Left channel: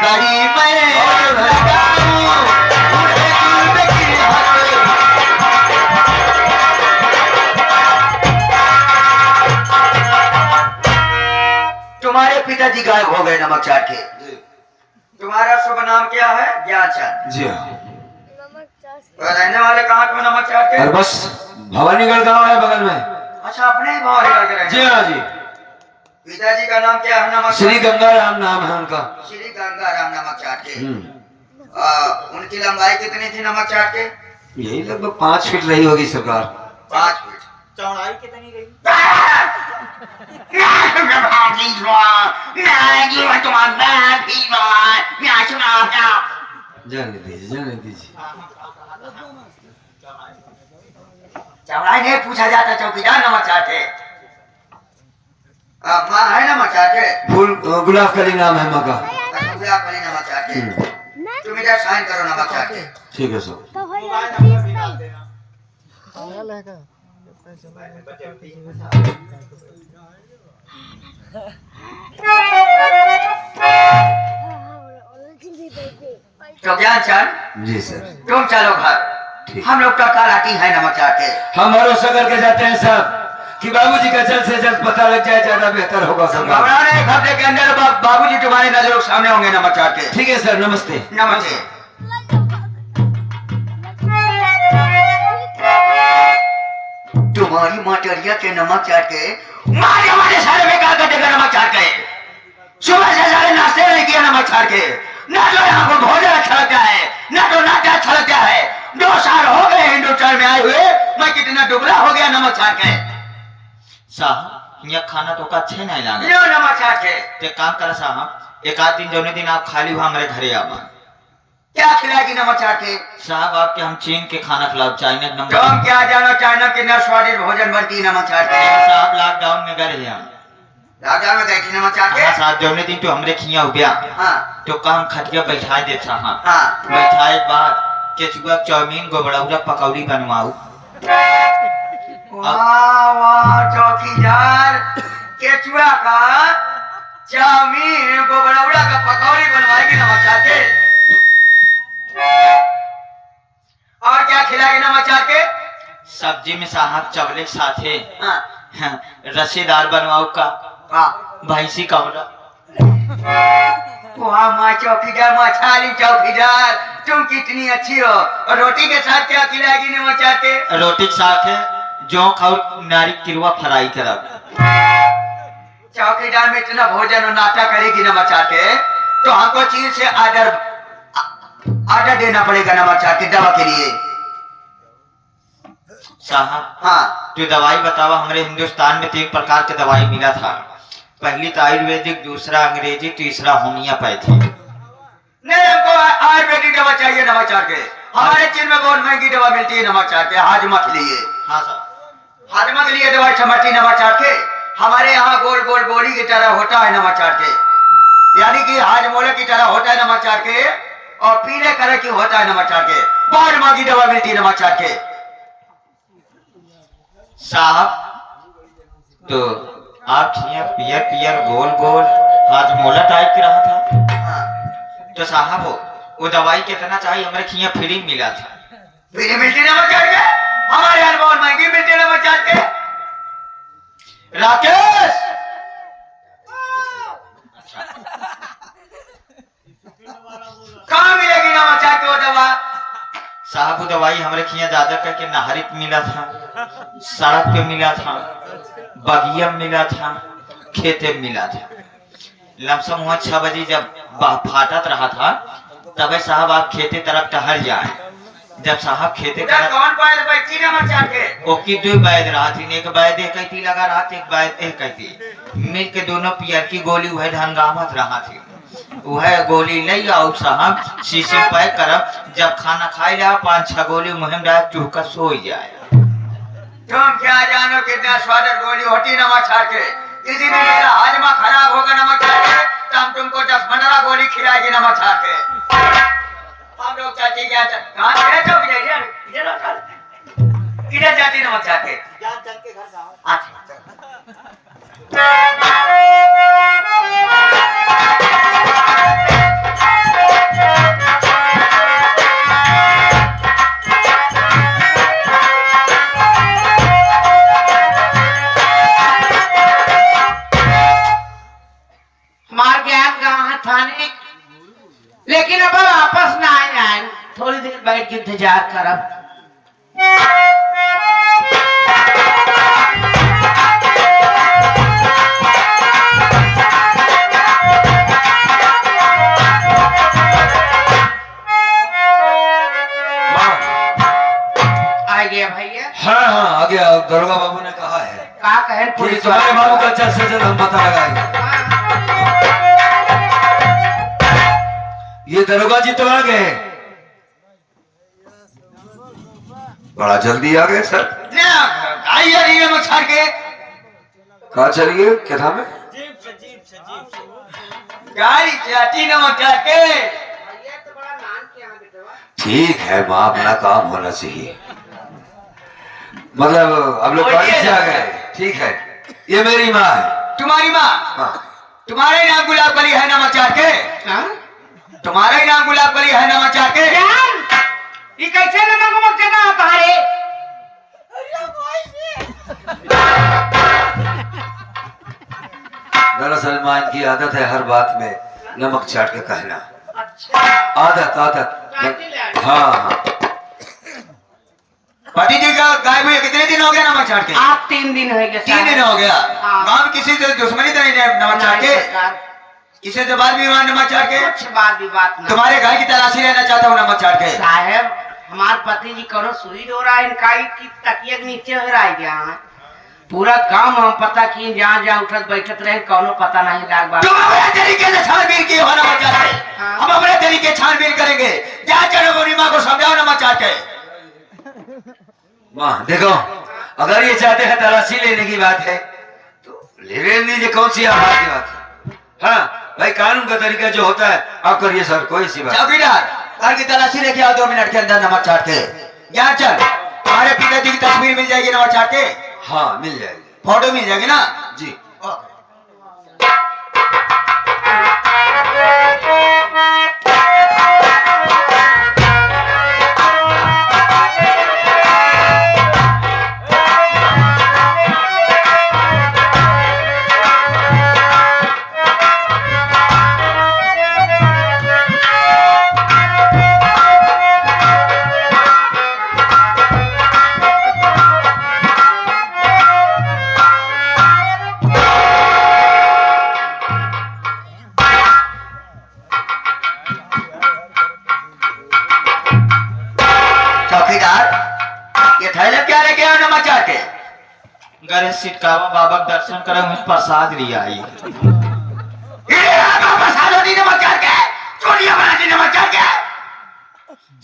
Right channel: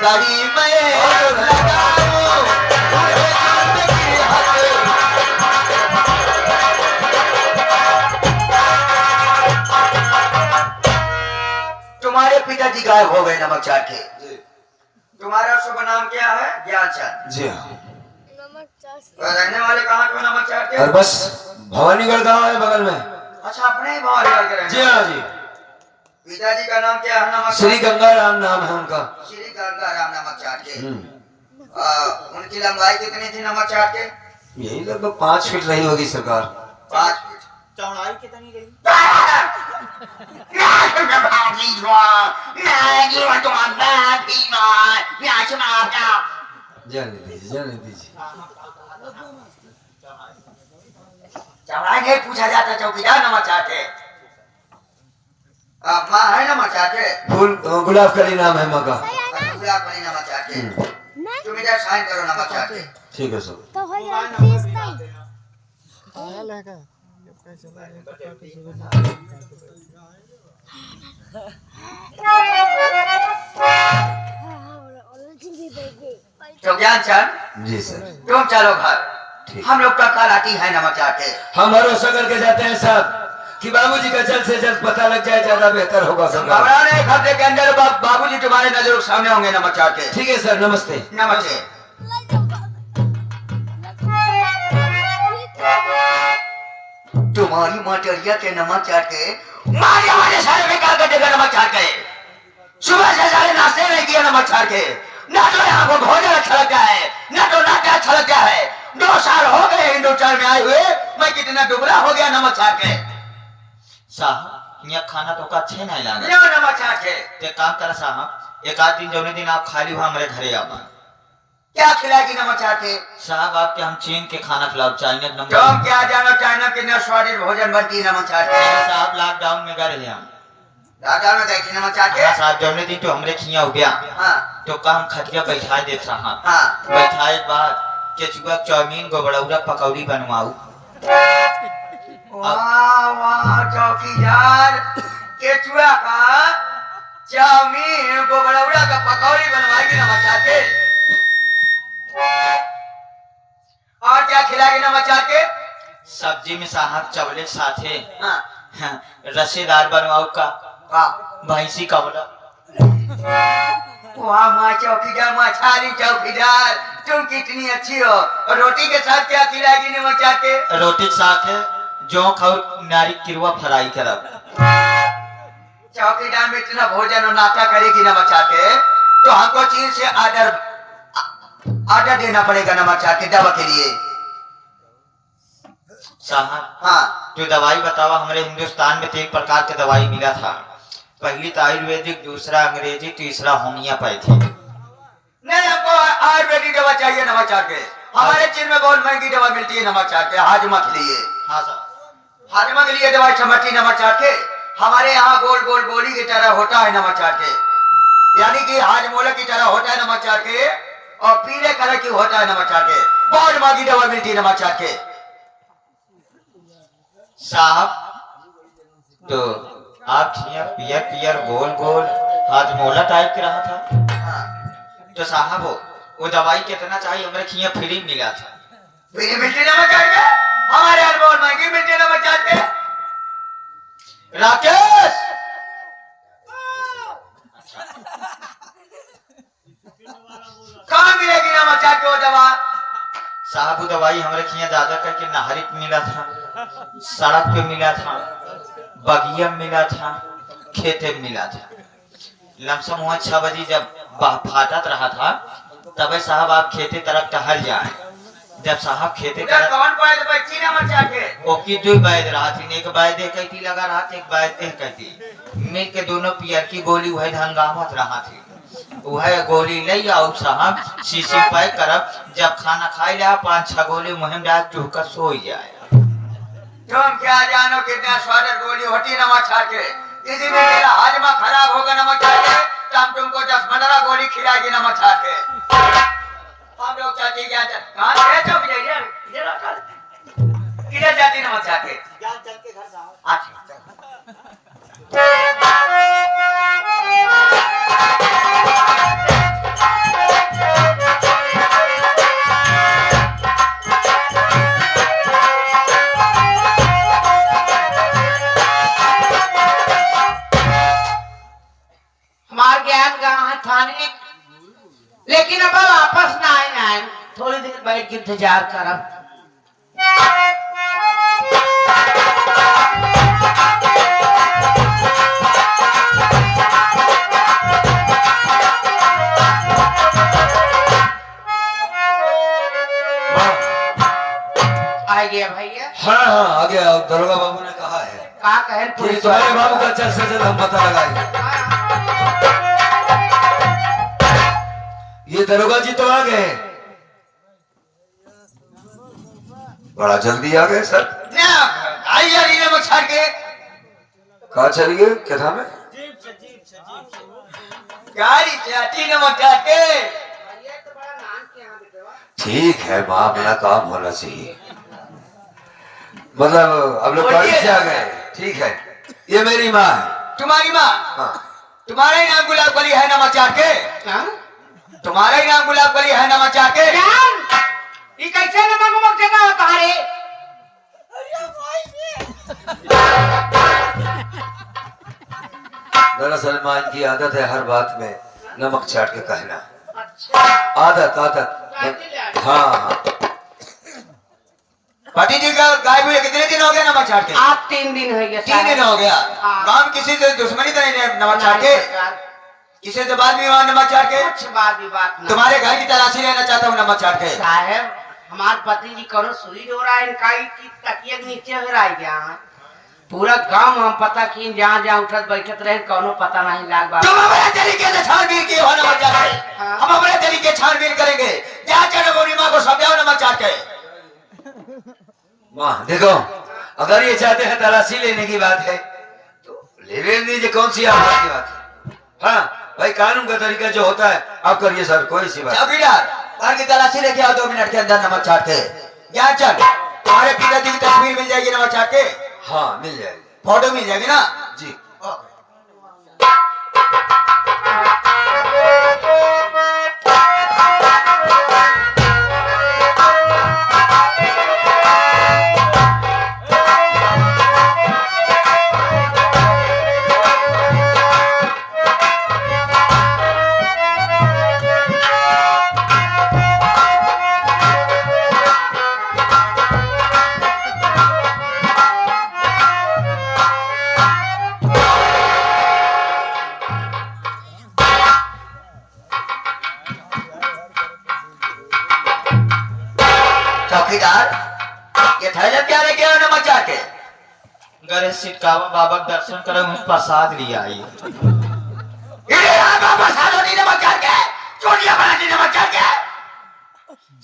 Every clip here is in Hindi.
कड़ी मैं लगाऊं जिंदगी हर। तुम्हारे पिताजी गायब हो गए नमक चाट के। तुम्हारा शुभ नाम क्या है? ज्ञानचंद। जी हाँ। रहने वाले कहाँ को नमक चाट के? और बस भवानीगढ़ गांव है बगल में। अच्छा, अपने ही भवानीगढ़ के रहने। जी हाँ जी। पिताजी का नाम क्या है? नमक श्री गंगाराम नाम है उनका। श्री गंगाराम नमक चाट के। उनकी लंबाई कितनी थी नमक चाट के? यही लगभग 5 फीट रही होगी सरकार। 5 फीट। चौड़ाई कितनी रही? जाने दीजिए जाने दीजिए। चौड़ाई नहीं पूछा जाता, चौकीदार नमक चाट के। माँ है नमक चाट के? फूल गुलाब कली नाम है माँ का। गुलाब कली नमक चाट के। तुम इधर साइन करो नमक चाट के। ठीक है सर। मोबाइल नंबर भी डाल देना। तो ज्ञानचंद जी सर। तुम चलो घर, हम लोग तो कल आती है नमक चाट के। हम भरोसा करके जाते हैं साहब कि बाबूजी का जल्द से जल्द पता लग जाए, ज्यादा बेहतर होगा सरकार। घबराने एक हफ्ते के अंदर बाबूजी तुम्हारे नजरों के सामने होंगे नमक चाट के। ठीक है सर, नमस्ते। नमस्ते। तुम्हारी मटरिया के नमक चाट के मारे वाले सारे बेकार कर देगा नमक चाट के। सुबह से सारे नाश्ते नहीं किया नमक चाट के। ना तो यहाँ को भोजन अच्छा लगता है, ना तो नाश्ता अच्छा लगता है। 2 साल हो गए हिंदुस्तान में आए हुए, मैं कितना दुबला हो गया नमक चाट के। साहब यहाँ खाना तो का अच्छे नहीं लागे। लो नमक चाट के। तो एक काम कर साहब, एक आध दिन जौने दिन आप खाली हुआ हमारे घरे आवा। क्या खिलाएगी नमक चाट के? साहब आपके हम चीन के खाना खिलाओ, चाइना तुम नंबर। क्या जानो चाइना की न स्वादिष्ट भोजन बनती है नमक चाट के। साहब लॉकडाउन में गए हम। लॉकडाउन में गई थी नमक चाट के? हाँ साहब, जौने दिन तो हमरे खिया हो गया। हाँ तो काम खटिया बैठाए दे साहब। हाँ। बैठाए के बाद केचुआ चाउमीन गोबड़ौरा पकौड़ी बनवाऊ। वाह वाह चौकीदार, केचुआ का चाउमीन गोबरौड़ा का पकौड़ी बनवाएगी नमक चाट के। और क्या खिलाएगी नमक चाट के? सब्जी में साहब चवले के साथे हाँ। रसेदार बनवाऊ का वाह भैंसी कवड़ा। वाह माँ चौकीदार, माँ छाली चौकीदार, तुम कितनी अच्छी हो। और रोटी के साथ क्या खिलाएगी नमक चाट के? रोटी के साथ है जोंक और नारी किरवा फ्राई तरफ। चौकीदार में इतना भोजन और नाश्ता करेगी नमक चाट के तो हमको चीन से ऑर्डर देना पड़ेगा नमक चाट के दवा के लिए। साहब हाँ तो दवाई बतावा। हमारे हिंदुस्तान में 3 प्रकार के दवाई मिला था। पहली तो आयुर्वेदिक, दूसरा अंग्रेजी, तीसरा होम्योपैथी। नहीं, हमको आयुर्वेदिक दवा चाहिए नमक चाट के। हमारे चीन में बहुत महंगी दवा मिलती है नमक चाट के, हाजमा के लिए। हाँ साहब, हाजमा के लिए दवाई समझती नमक चाट के। हमारे यहाँ गोल गोल गोली की तरह होता है नमक चाट के, यानी कि हाजमोला की तरह होता है नमक चाट के, और पीले कलर की होता है नमक चाट के। बहुत महंगी दवा मिलती है नमक चाट के। साहब तो आप खिया पियर पियर गोल गोल हाजमोला टाइप के रहा था। हाँ। तो साहब वो दवाई कितना चाहिए? हमारे खिया फ्री मिला था। फ्री मिलती नमक चाट के? हमारे यहाँ बहुत महंगी मिलती है नमक चाट के। राकेश कहाँ मिलेगी नमक चाट के वो दवा? साहब वो दवाई हमारे खिया ज्यादा करके नहरी पे मिला था, सड़क पे मिला था, बगिया में मिला था, खेते में मिला था। लमसम वहाँ 6 बजे जब फाटत रहा था तब साहब आप खेते तरफ टहल जाए। जब साहब खेते उधर तरफ कौन बैठ बैठी नमक चाट के? ओकी 2 बैद रहा थी, एक बैद एक कहती लगा रहा था, एक बैद एक कहती मिल के दोनों पियर की गोली वह हंगामत रहा थी। वह गोली ले आओ साहब, शीशी पैक करब, जब खाना खाए जा 5-6 गोली मुहिम रात चूहकर सो जाए। तुम क्या जानो कितना स्वादिष्ट गोली होती नमक चाट के। इसी में मेरा हाजमा खराब होगा नमक चाट के, तो हम तुमको 10-15 गोली खिलाएगी नमक चाट के। हम लोग चाची क्या कहाँ गए? चौकी इधर जाती नमक चाट के। ज्ञानचंद के घर साहब। अच्छा हमार ज्ञान गाँव थाने, लेकिन अब वापस ना आए, थोड़ी देर बैठ के इंतजार करब। आ गया भैया। हाँ हाँ आ गया। दरोगा बाबू ने कहा है का कहें कि पुलिस तुम्हारे बाबू का जल्द से जल्द हम पता लगाएंगे। ये दरोगा जी तो आ गए, बड़ा जल्दी आ गए सर। ना आई जा रही है नमक छाड़ के। कहा चलिए क्या था में गाड़ी चाटी नमक छाड़ के। भैया तो बड़ा नान के यहाँ बेटवा। ठीक है माँ, अपना काम होना चाहिए। मतलब अब लोग गाड़ी से आ गए। ठीक है, ये मेरी माँ है। तुम्हारी माँ? हाँ। तुम्हारा ही नाम गुलाब कली है नमक चाट के? हाँ? तुम्हारा ही नाम गुलाब कली है नमक चाट के? जान, ये कैसे नमक वमक चढ़ा होता है रे? दरअसल माँ इनकी आदत है हर बात में नमक चाट के कहना। अच्छा। आदत आदत। हाँ हाँ। पाटी जी का गायब हुए कितने दिन हो गए नमक चाट के? आप 3 दिन हो गए। 3 दिन हो गया। हाँ। गाँव में किसी से दुश्मनी तो नहीं है नमक चाट के? किसी से बात भी हुआ नमक चाट के? कुछ बात विवाद ना। तुम्हारे घर की तलाशी लेना चाहता हूँ नमक चाट के। साहब, हमारे पति जी करो सुई हो रहा है, इनका की तकिए के नीचे हो रहा है यहाँ। पूरा गांव हम पता की जहाँ जहाँ उठत बैठत रहे, कोनो पता नहीं लाग बा। तुम अपने तरीके से छानबीन किए हो नमक चाट के। हाँ। हम अपने तरीके छानबीन करेंगे। क्या चलो बोली माँ को समझाओ नमक चाट के। माँ देखो, अगर ये चाहते हैं तलाशी लेने की बात है तो ले लेने दीजिए, कौन सी आभार की बात है। हाँ भाई, कानून का तरीका जो होता है आप करिए सर, कोई सी बात। चौकीदार, घर की तलाशी लेके आओ 2 मिनट के अंदर नमक चाट के। यहाँ चल, तुम्हारे पिताजी की तस्वीर मिल जाएगी नमक चाट के। हाँ मिल जाएगी। फोटो मिल जाएगी ना जी। चौकीदार, ये थैले क्या लेके आए नमक चाट के? गरे सिटकावा बाबा के दर्शन करे हूँ, प्रसाद लिया आई। इधर आ बाबा, सालो दी नमक चाट के, चोरिया बना दी नमक चाट के।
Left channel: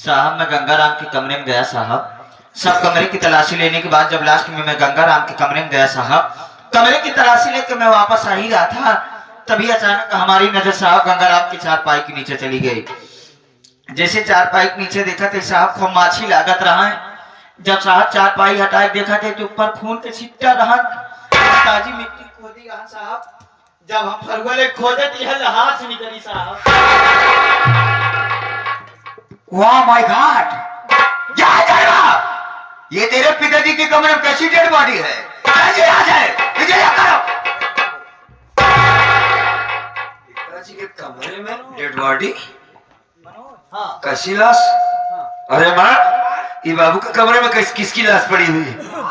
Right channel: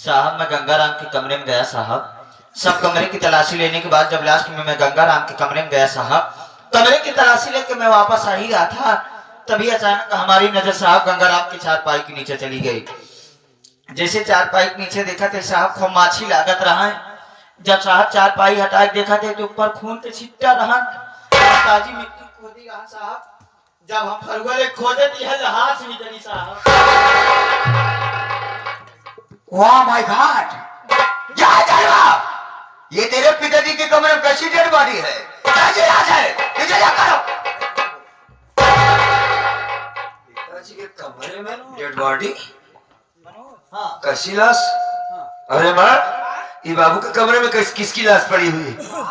साहब मैं गंगाराम के कमरे में गया साहब। सब कमरे की तलाशी लेने के बाद जब लास्ट में मैं गंगाराम के कमरे में गया साहब, कमरे की तलाशी लेकर मैं वापस आ ही रहा था, तभी अचानक हमारी नजर साहब गंगाराम की चारपाई के नीचे चली गई। जैसे चारपाई के नीचे देखा थे साहब, खूब माछी लागत रहा है। जब साहब चारपाई हटा के देखा थे तो ऊपर खून के छिट्टा रहा, ताजी मिट्टी खोदी रहा साहब। जब हम फरवले खोदे तो यह हाथ से निकली साहब। वाह माय गॉड, क्या करवा? ये तेरे पिताजी के कमरे में कैसी डेड बॉडी है? कैसे यहाँ से? इधर आ करो। पिताजी के कमरे में डेड बॉडी? कैसी लाश? अरे माँ, ये बाबू के कमरे में किसकी लाश पड़ी हुई है?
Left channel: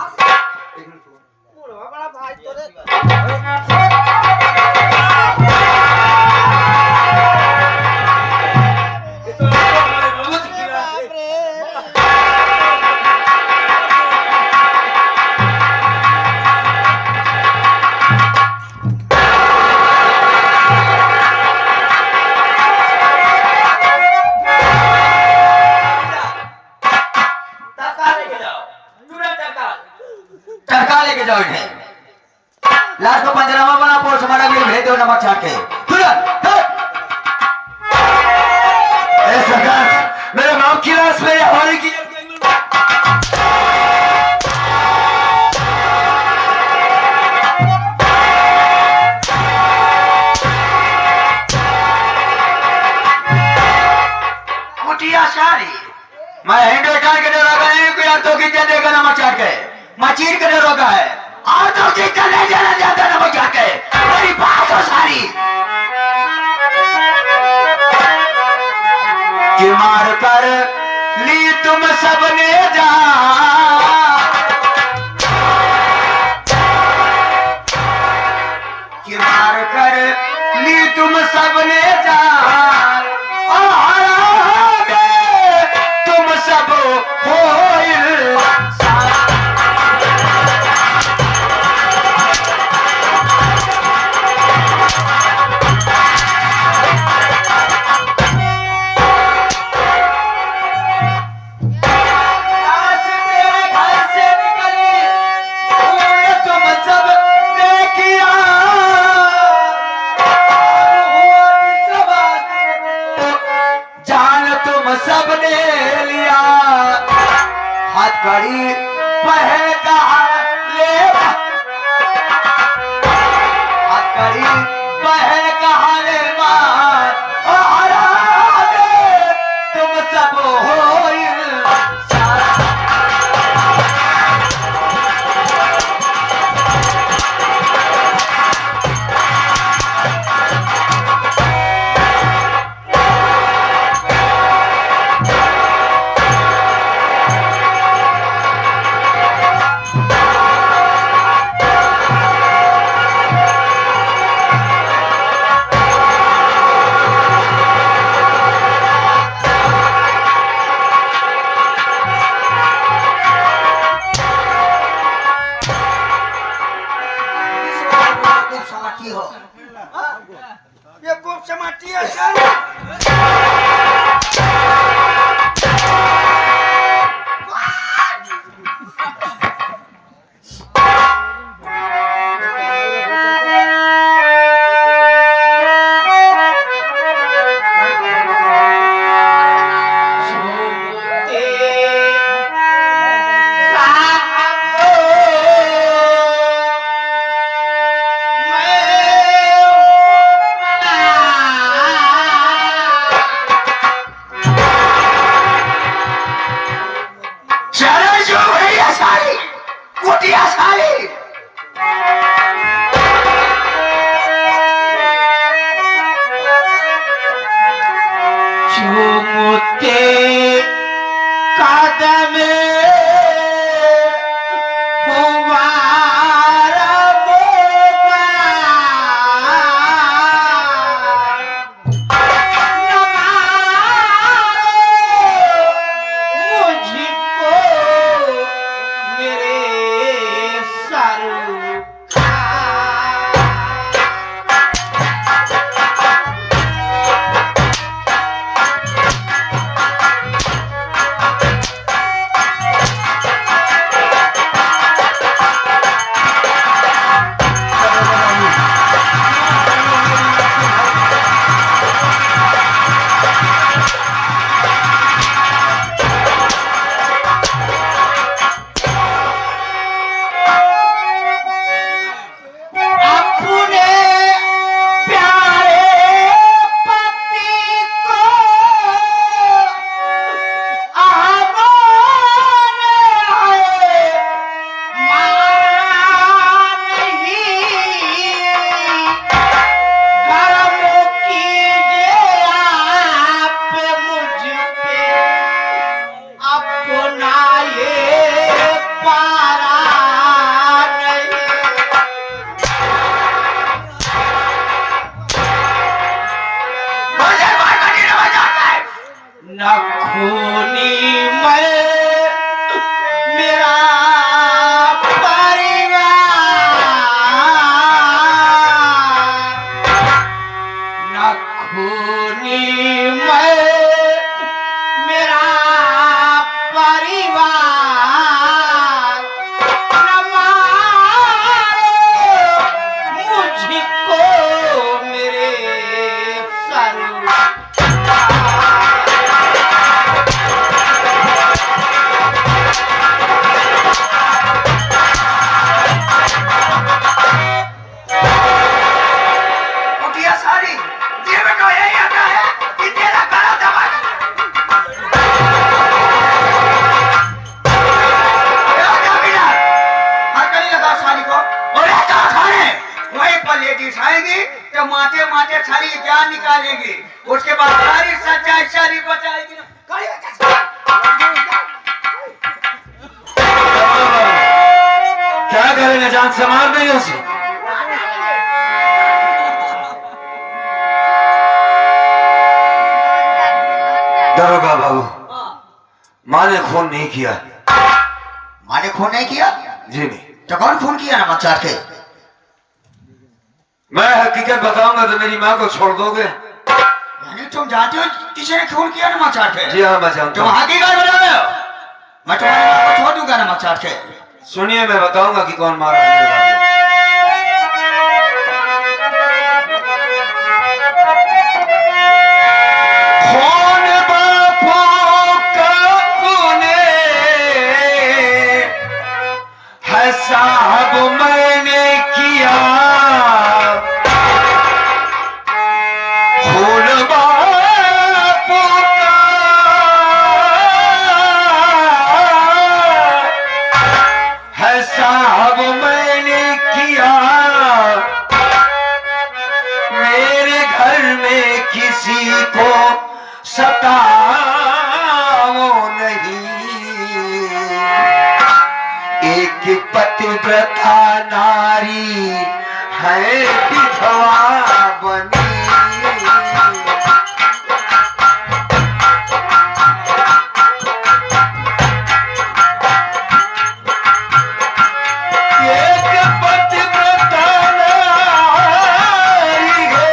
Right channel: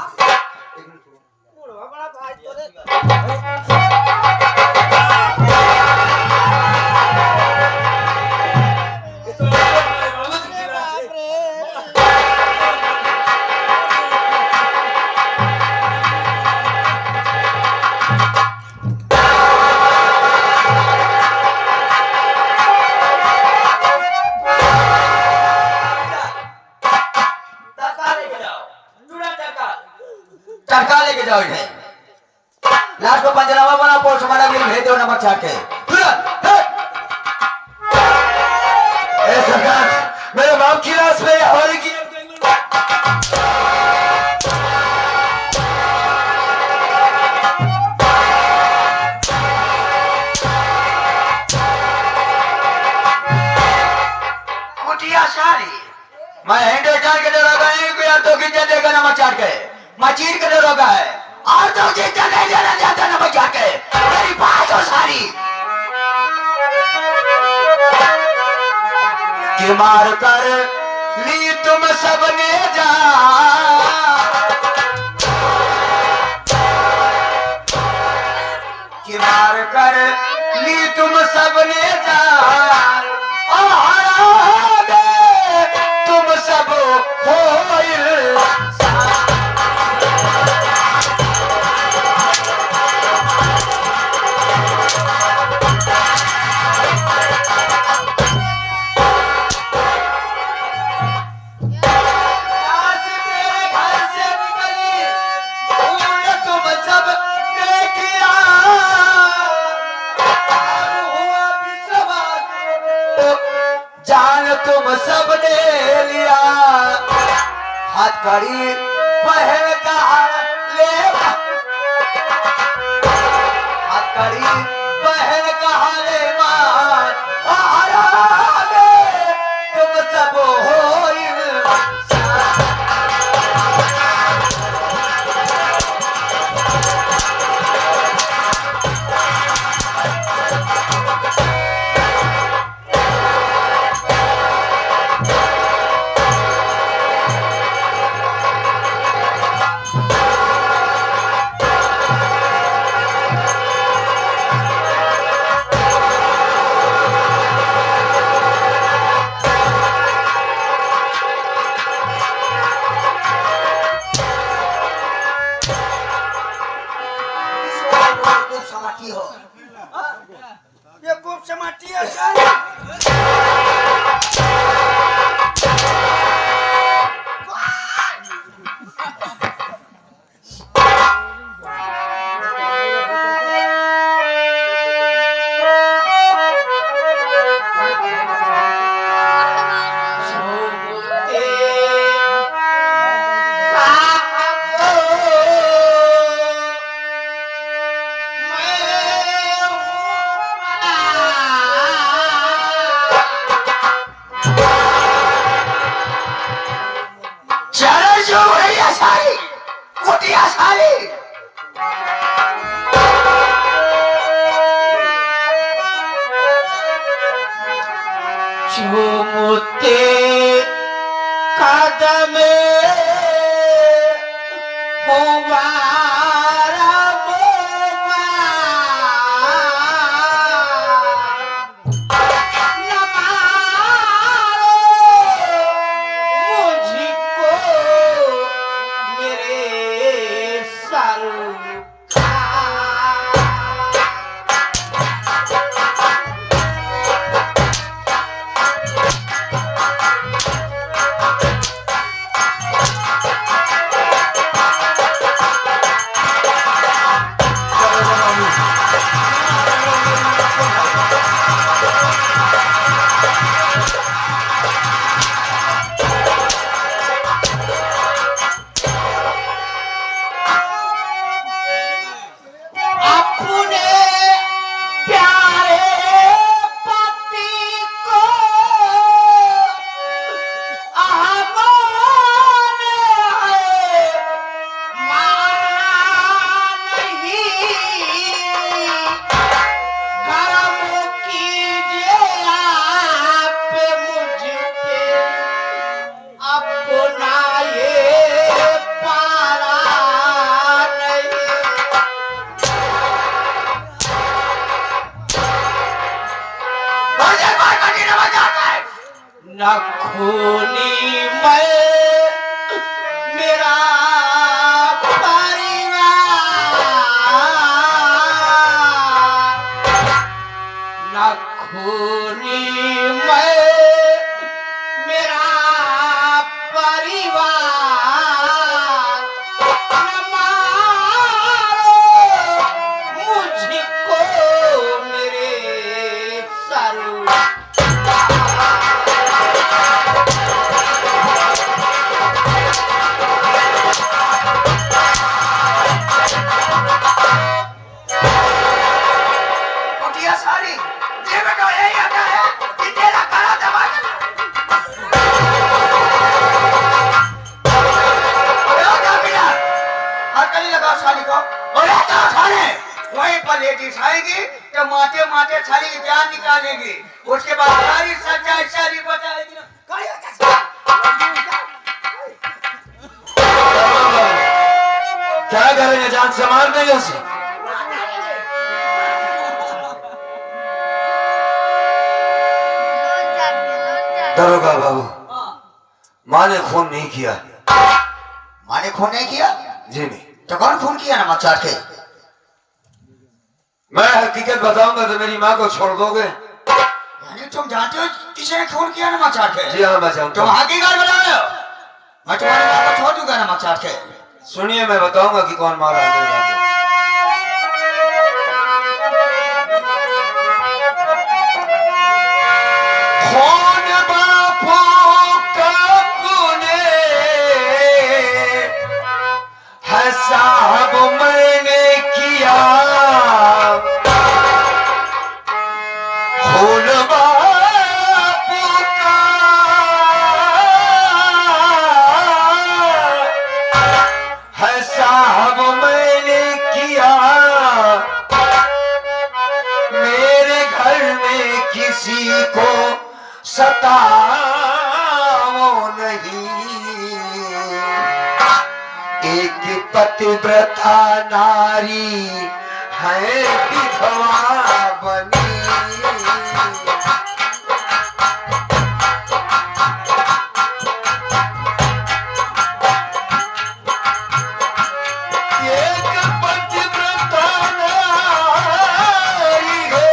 टरका लेके जाओ इन्हें। लाश को पंजनामा बना, पोस्टमार्टम के लिए भेज दो नमक चाट के। तुरंत। अरे सरकार, मेरे बाप की लाश मेरे हवाले की। कुटिया सारी मैं हिंदुस्तान के दरोगा नहीं हूँ, यार तो कितना देगा नमक चाट के। मचीर के दरोगा है और तो कितना नहीं देना चाहता नमक चाट के। मेरी बात हो सारी। मार कर ली तुम सबने जान, कि मार कर ली तुम सबने जान, और तुम सब हो सबने लिया, हथकड़ी पहन कहा ले, हथकड़ी पहन कहा ले मार, और तुम सब हो ये खूब समाती है। झूमते कदमे हुमारा मोगा न मारो मुझको मेरे सर नखूनी मैं मेरा परिवार नखूनी मैं मेरा परिवार न मारो मुझको मेरे सर आएगी टमाटे माटे छाली जान निकालेगी, उसके बाद सारी सच्चाई सारी बताएगी ना। क्या करेगा जान से मार देंगे उसे। दरोगा बाबू, माँ ने खून नहीं किया। माँ ने फोन नहीं किया? जी नहीं। तो कौन फोन किया नमक चाट के? मैं हकीकत बताऊंगा तो मेरी माँ को छोड़ दोगे। यानी तुम जानते हो किसी ने फोन किया नमक चाट के? जी हाँ, मैं जानता तुम हूँ। हकीकत बताओ, मैं तुम्हारी माँ को छोड़ दूंगा नमक चाट के। सुनिए, मैं बताऊंगा कि कौन मारा है मेरे बाप को। कौन बापों का तूने है साहब मैंने किया, खून बापों का है साहब मैंने किया, मेरे घर में किसी को सताओ नहीं, एक पतिव्रता नारी है विधवा बनी। एक पतिव्रता नारी है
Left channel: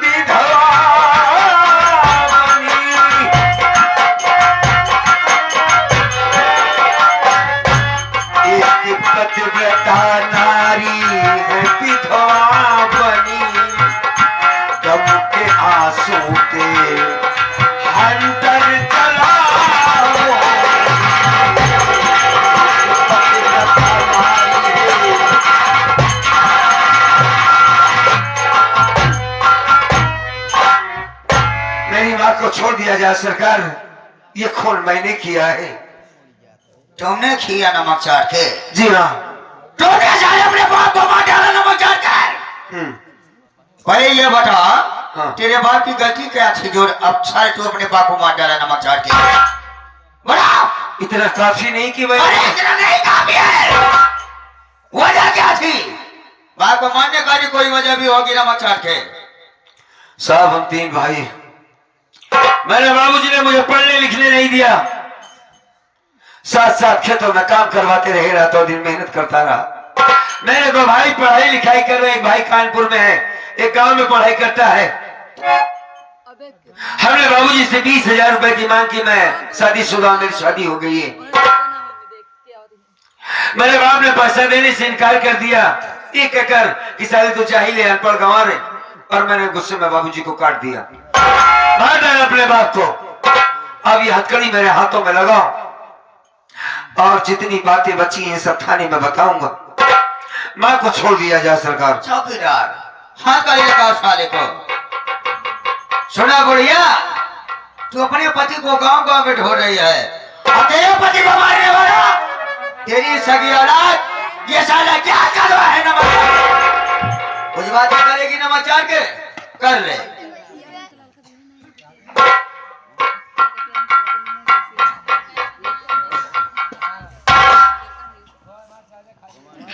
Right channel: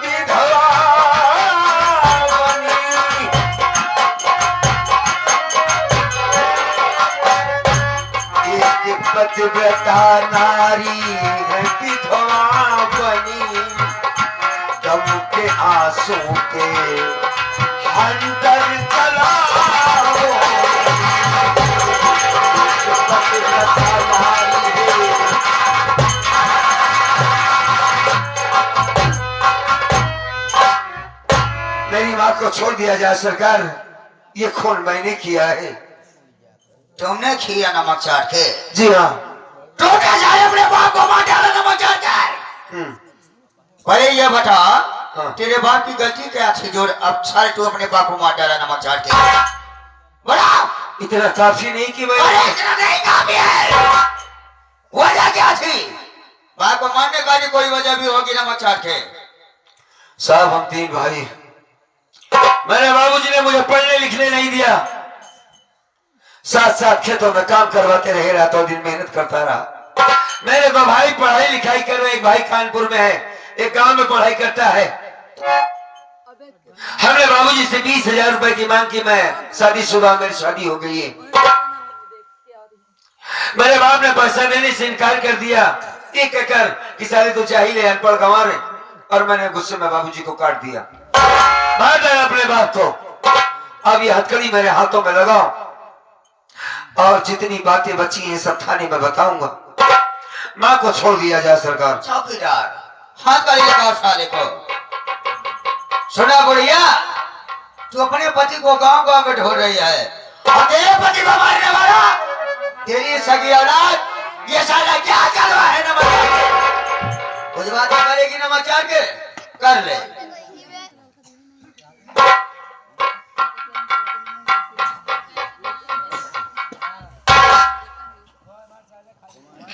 विधवा बनी। एक पतिव्रता नारी है विधवा बनी, गम के आंसू के अंदर चलाओ। पतिव्रता नारी है। मेरी माँ को छोड़ दिया जाए सरकार, ये खून मैंने किया है। तुमने किया नमक चाट के? जी हाँ। तुमने साले अपने बाप को मार डाला नमक चाट के? पहले ये बता, हाँ। तेरे बाप की गलती क्या थी जो अब साले तू अपने बाप को मार डाला नमक चाट के? बता। इतना काफी नहीं कि मैं अरे इतना नहीं काफी है, वजह क्या थी? बाप को मारने का भी कोई वजह भी होगी नमक चाट के। साहब, हम 3 भाई, मेरे बाबूजी ने मुझे पढ़ने लिखने नहीं दिया, साथ साथ खेतों में काम करवाते रहे, रातों दिन मेहनत करता रहा। मेरे 2 भाई पढ़ाई लिखाई कर रहे, एक भाई कानपुर में है, एक गांव में पढ़ाई करता है। हमने बाबूजी से 20,000 रुपए की मांग की, मैं शादीशुदा, मेरी शादी हो गई है। मेरे बाप ने पैसा देने से इनकार कर दिया, ये कहकर कि साले तो चाहिए अनपढ़ गंवार है, और मैंने गुस्से में बाबूजी को काट दिया। मार डाला अपने बाप को। अब ये हथकड़ी मेरे हाथों में लगाओ, और जितनी बातें बची हैं सब थाने में बताऊंगा। माँ को छोड़ दिया जाए सरकार। चौकीदार, हाथ का लगाओ साले को। सुना बुढ़िया, तू अपने पति को गांव गांव में ढो रही है, और तेरे पति को मारने वाला तेरी सगी औलाद, ये साला क्या कर रहा है नमक? कुछ बात करेगी नमक चाट के? कर ले।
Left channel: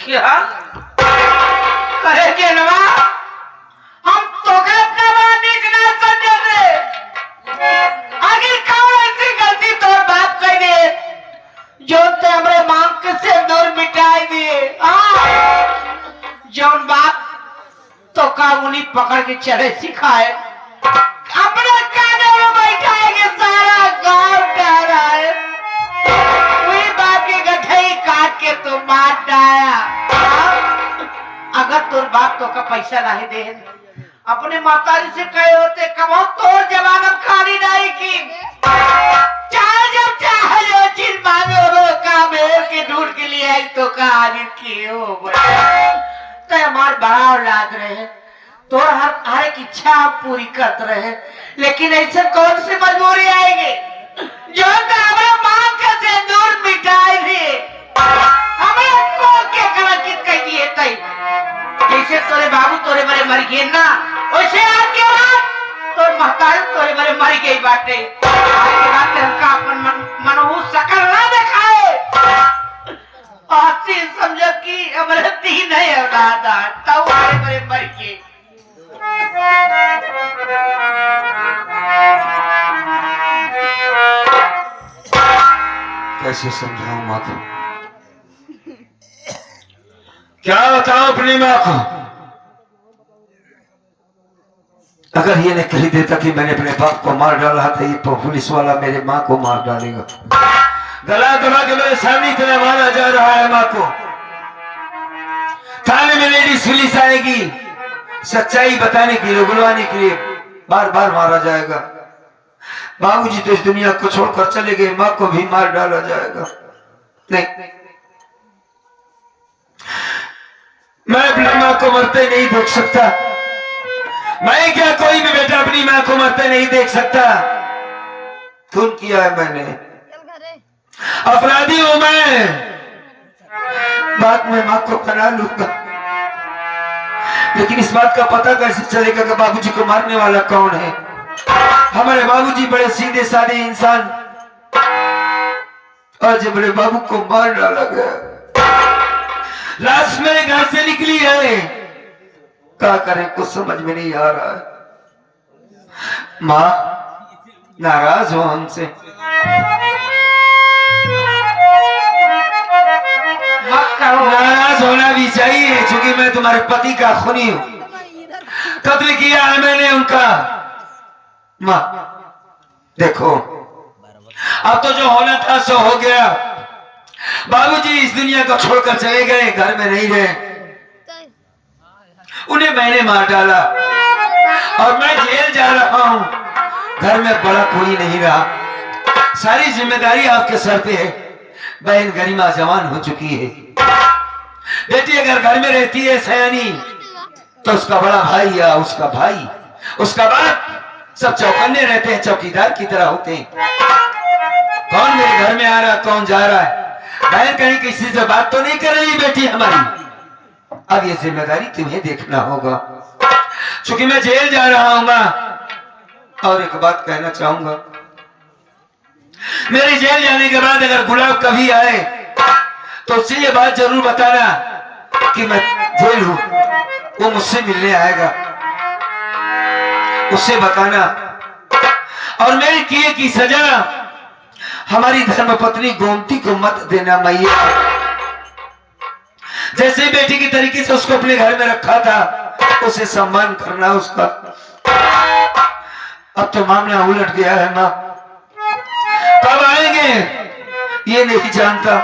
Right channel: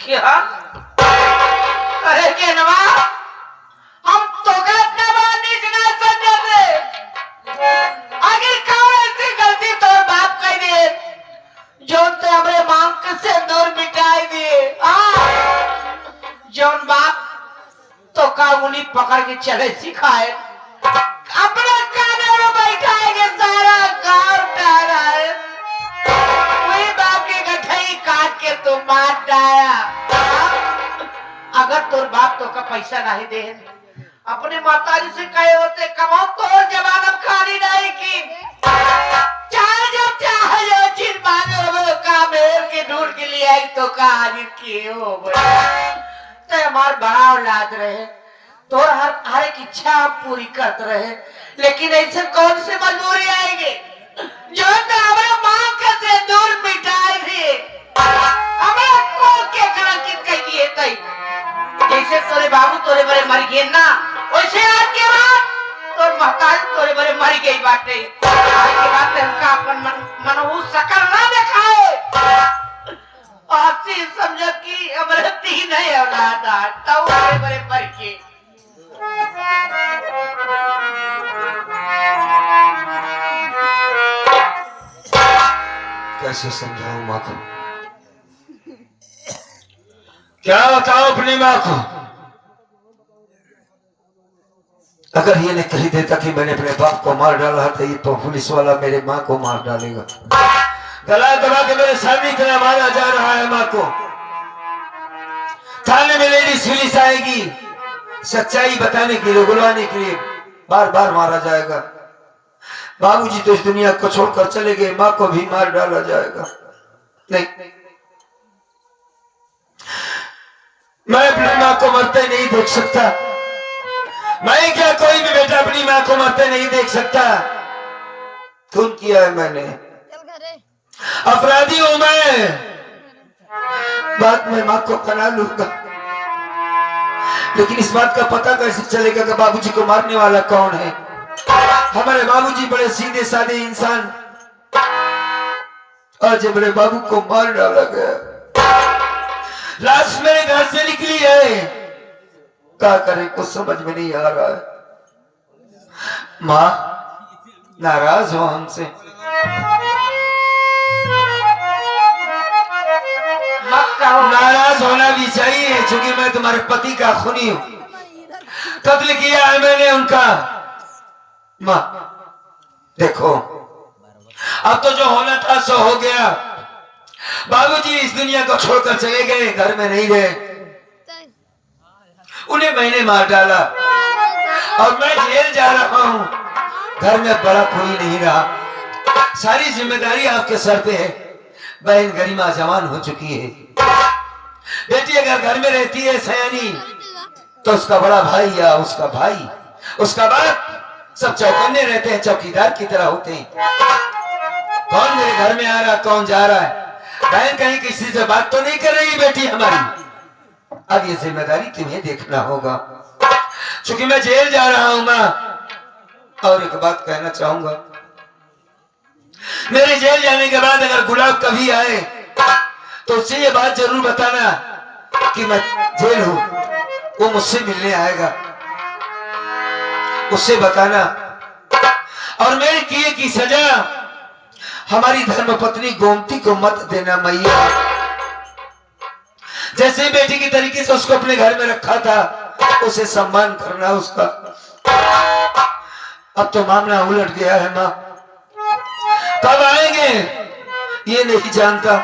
क्या? अरे केनवा, हम तो का अपना बात देखना समझ रहे। आगे कौन ऐसी गलती तो बाप कर दे जो ते हमरे मांग से दूर मिटाई दिए। जौन बाप तो का मुनी पकड़ के चले सिखाए, अपने काने में बैठाएंगे, सारा गांव डराए। वही बाप की गठई काट के तो मार डाया। अगर तोर बाप तो का पैसा नहीं दे, अपने माताजी से कहे होते कमाओ, तोर जवान अब खाली नहीं की। चाहे जब चाहे जो चीज मांगे वो का मेर के ढूंढ के लिए आई तो का हाजिर किए हो। तो हमार बड़ा औलाद रहे, तो हर एक इच्छा आप पूरी करते रहे, लेकिन ऐसे कौन सी मजबूरी आएगी जो हमारा मांग के सिंदूर मिटाई थी, हमें को के करा कि कह दिए तई जैसे तोरे बाबू तोरे बड़े मर गए ना, वैसे आज के बाद तोर महतारी तोरे बड़े मर गई बाटे। आज के बाद हमका अपन मनहू सकल ना दिखाए। आसी समझ कि हमरे तीन है औलाद, तब तोरे बड़े मर गए। कैसे समझाऊं माँ को, क्या बताऊं अपनी माँ को। अगर ये नहीं कही देता कि मैंने अपने बाप को मार डाला था, ये तो पुलिस वाला मेरे माँ को मार डालेगा। गला दबा के मेरे सामने इतना मारा जा रहा है माँ को। थाने में लेडीज पुलिस आएगी, सच्चाई बताने के लिए, बुलवाने के लिए बार बार मारा जाएगा। बाबूजी तो इस दुनिया को छोड़कर चले गए, माँ को भी मार डाला जाएगा। नहीं, मैं अपनी माँ को मरते नहीं देख सकता। मैं क्या, कोई भी बेटा अपनी माँ को मरते नहीं देख सकता। खून किया है मैंने, अपराधी हूं मैं। बाद में माँ को बना लूंगा, लेकिन इस बात का पता कैसे चलेगा कि बाबूजी को मारने वाला कौन है। हमारे बाबूजी बड़े सीधे साधे इंसान, और जब मेरे बाबू को मार डाला गया, लाश मेरे घर से निकली है, क्या करें कुछ समझ में नहीं आ रहा है। माँ नाराज हो हमसे? नाराज होना भी चाहिए, क्योंकि मैं तुम्हारे पति का खूनी हूं। कत्ल किया है मैंने उनका। माँ देखो, अब तो जो होना था सो हो गया। बाबूजी इस दुनिया को छोड़कर चले गए, घर में नहीं रहे। उन्हें मैंने मार डाला और मैं जेल जा रहा हूं। घर में बड़ा कोई नहीं रहा, सारी जिम्मेदारी आपके सर पे है। बहन गरिमा जवान हो चुकी है। बेटी अगर घर में रहती है सयानी, तो उसका बड़ा भाई या उसका भाई, उसका बाप, सब चौकन्ने रहते हैं, चौकीदार की तरह होते हैं। कौन मेरे घर में आ रहा, कौन जा रहा है। बहन कहीं किसी से बात तो नहीं कर रही बेटी हमारी। अब ये जिम्मेदारी तुम्हें देखना होगा, क्योंकि मैं जेल जा रहा हूं माँ। और एक बात कहना चाहूंगा, मेरे जेल जाने के बाद अगर गुलाब कभी आए तो उससे ये बात जरूर बताना कि मैं जेल हूं, वो मुझसे मिलने आएगा, उससे बताना। और मेरे किए की सजा हमारी धर्मपत्नी गोमती को मत देना मैया। जैसे बेटी की तरीके से उसको अपने घर में रखा था, उसे सम्मान करना उसका। अब तो मामला उलट गया है माँ। कब आएंगे ये नहीं जानता,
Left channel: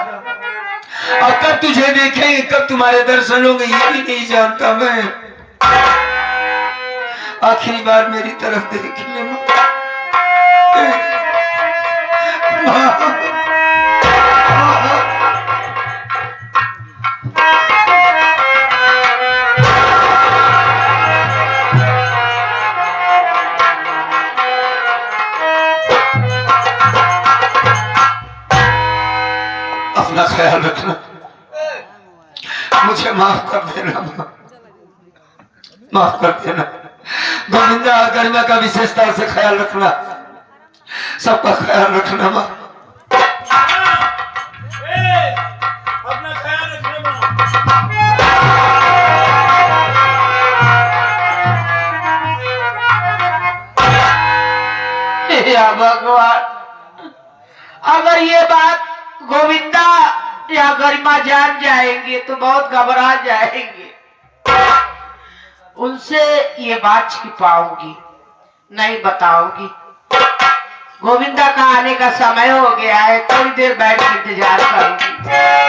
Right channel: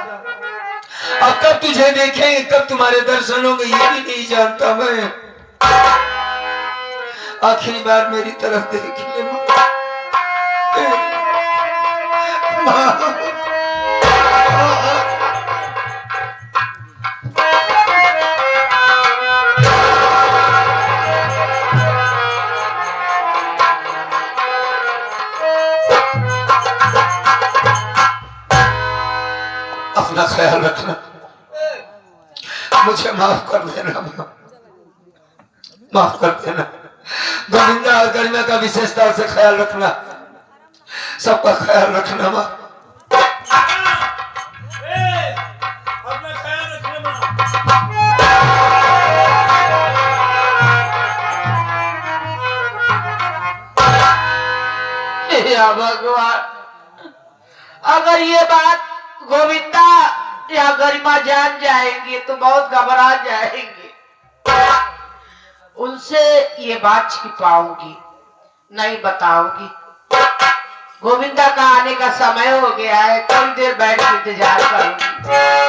अब कब तुझे देखेंगे, कब तुम्हारे दर्शन होंगे ये भी नहीं जानता मैं। आखिरी बार मेरी तरफ देख ले माँ। अपना ख्याल रखना, मुझे माफ कर देना माँ, माफ कर देना। गोविंदा और गरिमा का विशेषता से ख्याल रखना, सबका ख्याल रखना माँ। अपना ख्याल रखना माँ। या भगवान, अगर ये बात गोविंदा या गरिमा जान जाएंगे तो बहुत घबरा जाएंगे। उनसे ये बात छिपाऊंगी, नहीं बताऊंगी। गोविंदा का आने का समय हो गया है, थोड़ी देर बैठ के इंतजार करूंगी।